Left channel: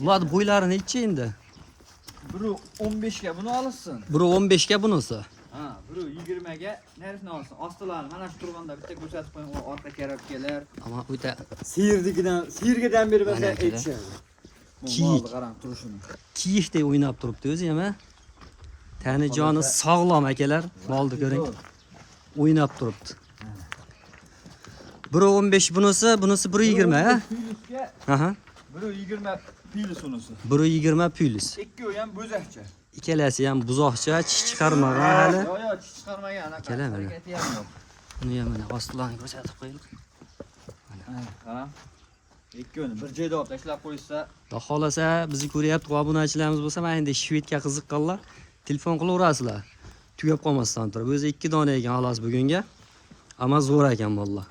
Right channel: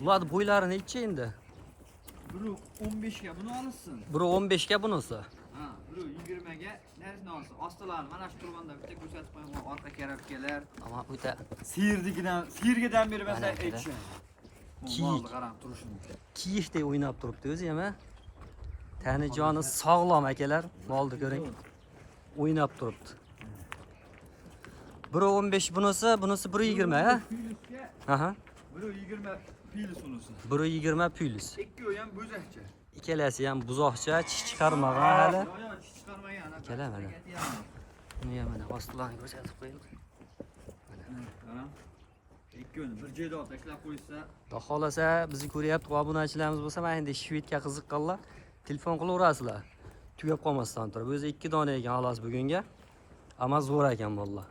Bular bo'ylari necha endi? Biri 15 ga bunu alırsın. Biri 15 ga bunisi. Ha, biri 20 ga neresini alırsın? Astılarni mana shu turganda bitta ko'rsatib qo'ying, o orqa karabkalar. Ama o'ta Siyirgidan beri Mana bizga akada. aytishadi. Kiyik. Qarang turishini. kiyikdek o'ynab turibdi o'zi ham. Tani joni sog'lom akalar. Molni ko'ring. O'ynab turibdi. Biri 15 bunisi 120 ha? Piylusga Aha. biri 20 piylis unisi. Biri 20 piylis. Ikkovi ham bo'zakcha. Ikkalasi ham buzoqcha, chish chiqarmagan hali. Yo, chish chiqarmagan anaqa. Ikkala mana. Harakati ham yo'q. Buni ham mana ostidan ko'rsatib qo'ydik. Qarang. Ikkovini bir joyda olib tashlab qo'ysa, Xudo xolasa bizni ko'ryapti, obunachilarimiz bo'lsa, mana endi shvedga qiziqqanlar telefon qilaverasizlar. Tugab qolmasdan turib. O'zi 2 dona ekan xolos bugunga. Ammo zo'r ekan mollar.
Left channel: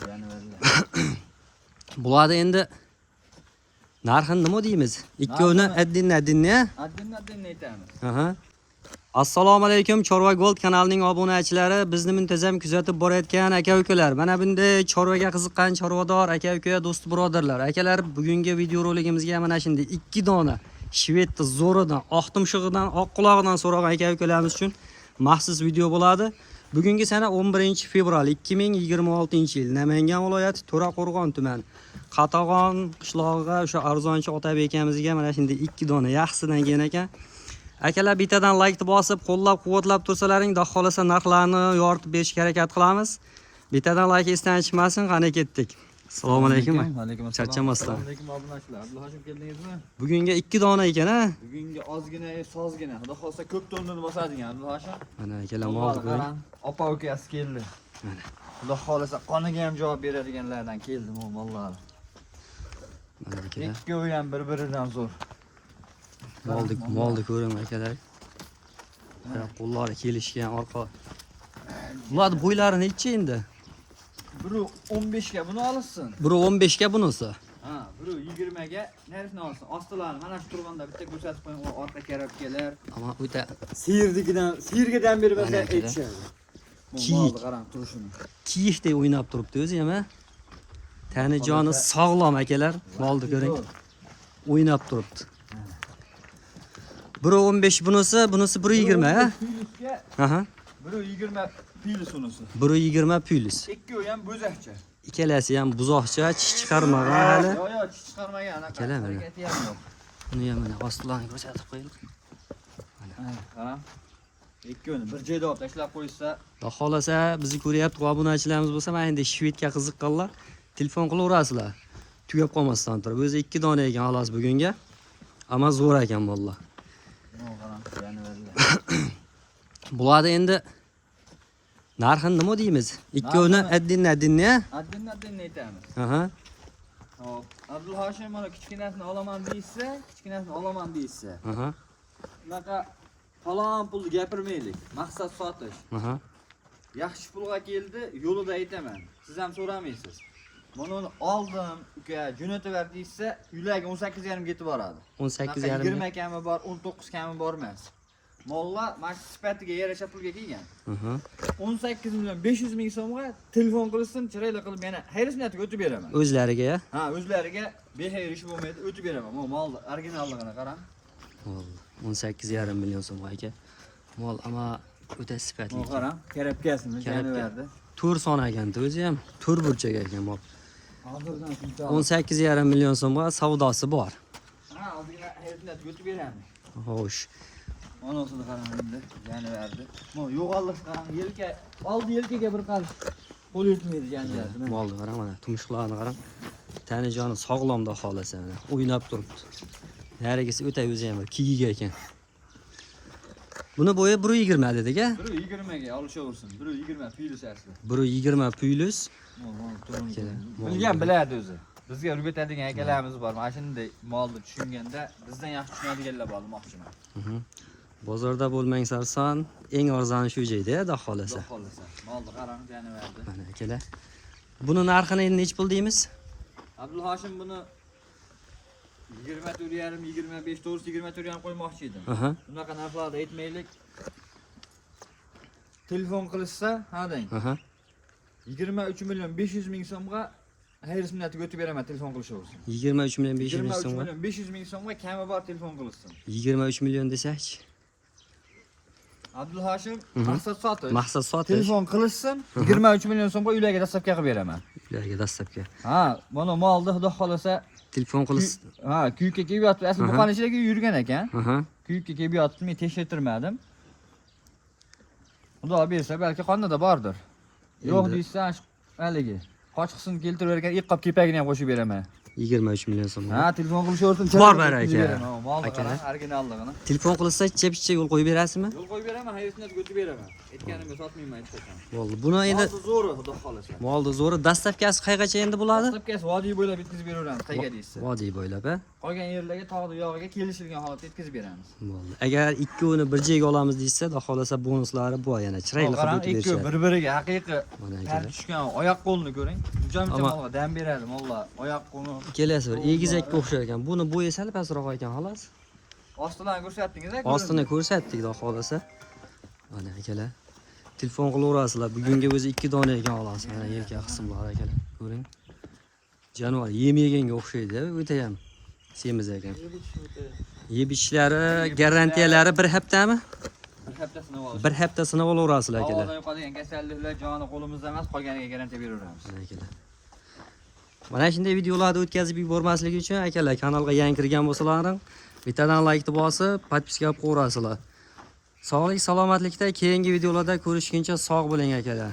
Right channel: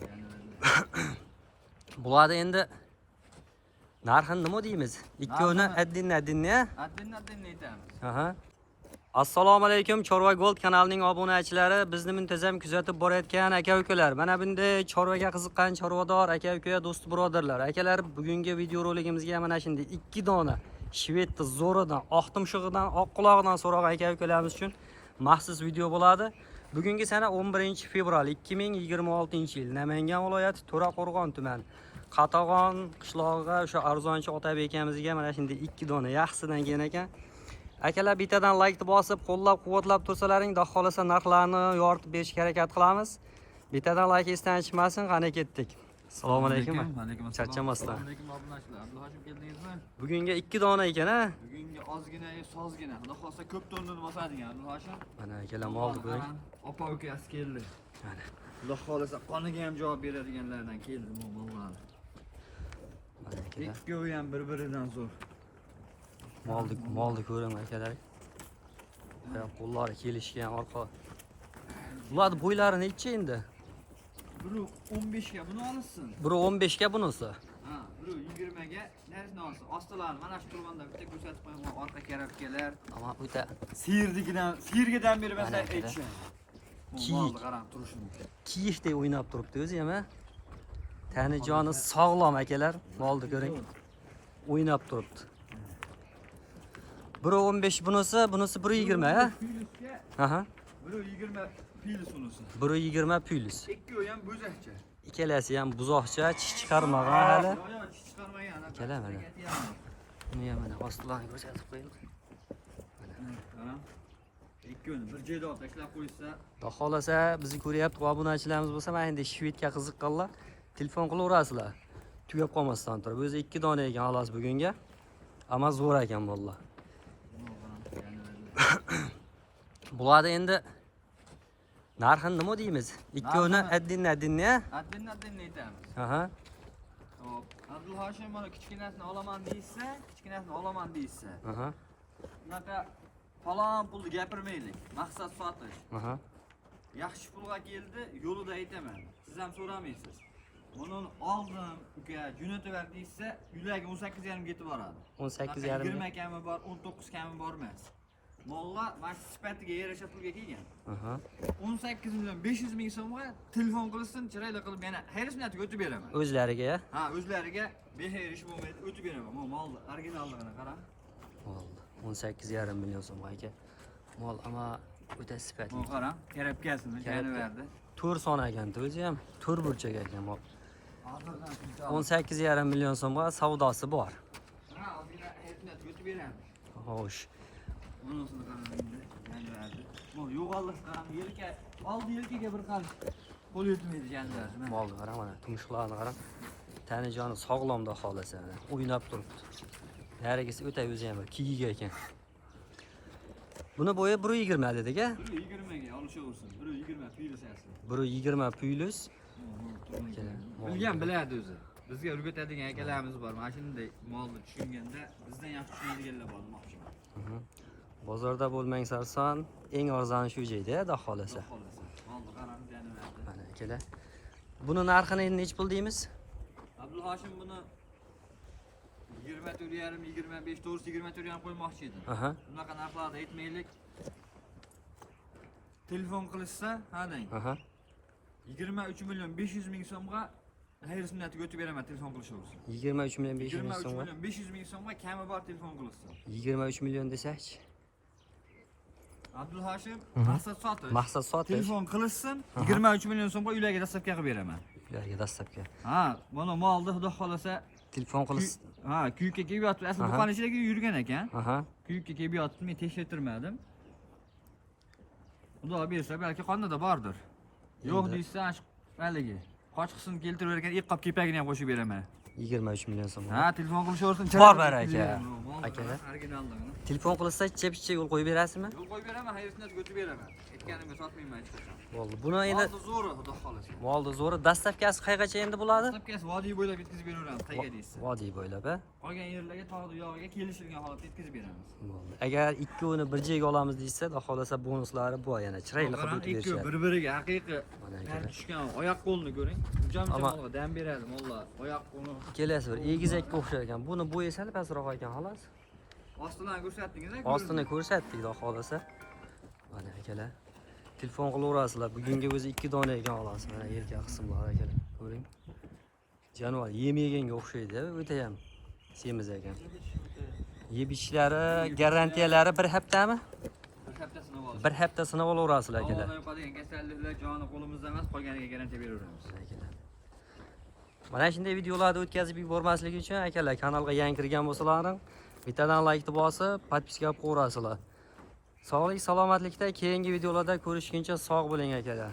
qarang, yana verdilar. Bularda endi narxini nima deymiz? Ikkovini addinni Addin aytamiz. Aha. Assalomu alaykum Chorva Gold kanalining obunachilari, bizni muntazam kuzatib borayotgan aka-ukalar. Mana bunday chorvaga qiziqqan chorvador aka-uka, do'st birodarlar. Akalar, bugungi video roligimizga mana shunday 2 dona shvedni zo'ridan, oq tumshug'idan, oq qulog'idan so'ragan aka-ukalarimiz uchun maxsus video bo'ladi. Bugungi sana 11-fevral 2026-yil Namangan viloyati To'raqo'rg'on tumani Qatag'on qishlog'iga o'sha arzonchi Otabek akamizga mana shunday 2 dona yaxshidan kelgan ekan. Akalar, bittadan like bosib, qo'llab-quvvatlab tursalaring, xudo xolasa narxlarni yoritib berishga harakat qilamiz. Bittadan like esdan chiqmasin, qani ketdik. Assalomu alaykum. Alaykum assalom. Charchamasdan. Assalomu alaykum obunachilar. Abduhoshim keldingizmi? Bugunga 2 dona ekan a? Bugungi ozgina, sozgina. Xudo xolasa ko'p tonnani bosadigan Abduhoshim. Mana akalar molni ko'ring. Opa ukasi keldi. Mana. Xudo xolasa qoniga ham javob beradiganlardan keldi mollar. Mana akalar. Ikkovi ham bir-biridan zo'r. Molni ko'ring akalar. Qo'llari kelishgan orqa. Bular bo'ylari necha endi? Biri 15 ga bunu alırsın. Biri 15 ga bunisi. Ha, biri 20 ga neresini alırsın? Astılarni mana shu turganda bitta ko'rsatib qo'ying, o orqa karabkalar. Ama o'ta Siyirgidan beri bizga Mana akada. aytishadi. Kiyik. Qarang turishini. kiyikdek o'ynab turibdi o'zi ham. Tani joni sog'lom akalar. Molni ko'ring. O'ynab turibdi. Biri 15 bunisi 120 ha? Piylusga Aha. biri 20 piylis unisi. Biri 20 piylis. Ikkovi ham bo'zakcha. Ikkalasi ham buzoqcha, chish chiqarmagan hali. Yo, chish chiqarmagan anaqa. Ikkala mana. Harakati ham yo'q. Buni ham mana ostidan ko'rsatib qo'ydik. Qarang. Ikkovini bir joyda olib tashlab qo'ysa, Xudo xolasa bizni ko'ryapti, obunachilarimiz bo'lsa, mana endi shvedga qiziqqanlar telefon qilaverasizlar. Tugab qolmasdan turib. O'zi 2 dona ekan xolos bugunga. Ammo zo'r ekan mollar. qarang, yana verdilar. Bularda endi narxini nima deymiz? Ikkovini addinni Addin aytamiz. Aha. Hop. Abdulhoshim mana kichkinasini olaman deysa, Aha. bunaqa falon pulni gapirmaylik. Maqsad sotish. Aha. Yaxshi pulga keldi, yo'lida aytaman. Siz ham so'ramaysiz. Mana uni oldim, uka, jo'nataver deysa, uylagi 18,5 ketib boradi. 18,5. 20 kami bor, 19 kami bor emas. Mollar mana sifatiga yarasha pulga kelgan. Aha. 18,500,000 so'mga telefon qilsin, chiroyli qilib yana xayrisniyatiga o'tib beraman. O'zlariga. Ha, o'zlariga bexayr ish bo'lmaydi, o'tib beraman. Molni originalligini qarang. 18,5 million so'm aka. Mol ama o'ta sifatli. Qarang, karabkasini berdi. Tur son ekanda o'zi ham tur burchak ekan mol. Hozirdan shuncha. 18,5 million so'mga savdosi bor. Ha, ozgina xayrisniyatiga o'tib beramiz. Xo'sh. Onasini qarang endi, yana berdi. Yo'g'ollik qarang, oldi yelkaga bir qarish. Qo'l yetmaydi janjalasi. Molni qarang mana, tumshuqlarni qarang. Tani joni sog'lomda xolasa mana, o'ynab turibdi. Narigisi o'ta o'zi ham kiyik ekan. Buni bo'yi 120 dedik-a? 120 ga olishaversin. 120 piylis asli. 120 piylis. Bilgan biladi o'zi. Bizga o'rgatadigan akalarimiz bor. Mana shunday molni tushunganda bizdan yaxshi tushunadiganlar bor demoqchiman. Bozorda bo'lmang sarson, eng arzoni shu joyda, xudo xolasa. Molni qarang, jani berdi. Mana akalar. Buni narxini endi nech pul deymiz? Abdulhoshim buni 24,5, 25, to'g'risi 24 qo'ymoqchi edim. Aha. Bunaqa narxlarda aytmaylik. Telefon qilishsa, ha deng. Aha. 23,500,000 so'mga hayır sunnati götüp beraman telefon qilishversin. 23 milyon 500 ming 23 so'm. million 500 ming so'mga kami bor telefon qilsin. 23 milyon desakchi. Abdul Hashim maqsad sotish. Maqsad sotish. Telefon qilishsin, 23 million so'mga uylarga dastlabki qilib beraman. Ularga dastlabki. Ha, mana molni xudo xolasa Telefon qilish. ha, kuyikka kelib yotibdi. Asli buqani ichida yurgan ekan. Aha. Kuyikka kelib yotibdi, men tekshirtirmadim. Xudo bersa balki qonida bordir. Yo'q deysan, haligi. Qochqisini keltirib bergan iqqab kepagini ham qo'shib beraman. 23 milyon so'm. Ha, telefon qilishversin. Bor baraka. Molni Aka. originalligini. Telefon qilsa ichcha yo'l qo'yib berasizmi? Yo'l qo'yib beraman, hayosini götib beraman. Aytganimga sotmayman hech qachon. Bo'ldi. Buni endi Molni zo'ri, xudo xolasa. molni zo'ri dastlabkasi qayergacha endi bo'ladi? Dastlabkasi vodiy bo'ylab yetkazib beraveramiz, qayga deysiz. Vodiy bo'ylab, a? Qolgan yerlarga tog'ni yog'iga kelishilgan holatda yetkazib beramiz. Bo'ldi. Agar ikkovini bir joyga olamiz deysa, xudo xolasa bonuslari bor yana. Chiroyli qilib Qarang, o'tib ikki berishadi. bir-biriga haqiqiy Mana tan akalar. tushgan oyoq qo'lni ko'ring. Jo'mcha Ammo- molga dam beradi, mollar. Oyoq qo'lni Kelasi bir egizakka o'xshar ekan. Buni bo'yi sal pastroq ekan, xolos. ostidan ko'rsatdingiz-a? Ostini ko'rsatdik, xudo xolasa. Mana akalar. Telefon qilaverasizlar. Bugunga o'zi 2 dona ekan xolos. Mana erkak qismlar akalar. Ko'ring. Jonivor yem yeganga o'xshaydi, o'ta ham semiz ekan. Yeb ichishlari, garantiyalari 1 haftami? Bir haftasini olib. 1 hafta sinab olaverasizlar akalar. Havodan yo'qolgan kasalliklar joni qo'limizda emas, qolganiga garantiya beraveramiz. Mana akalar. Mana shunday videolarni o'tkazib yubormasligi uchun akalar kanalga yangi kirgan bo'lsalaring, bittadan like bosib, podpiska qilib qo'yasizlar. Sog'lik, salomatlikda keyingi videolarda ko'rishguncha sog' bo'ling akalar.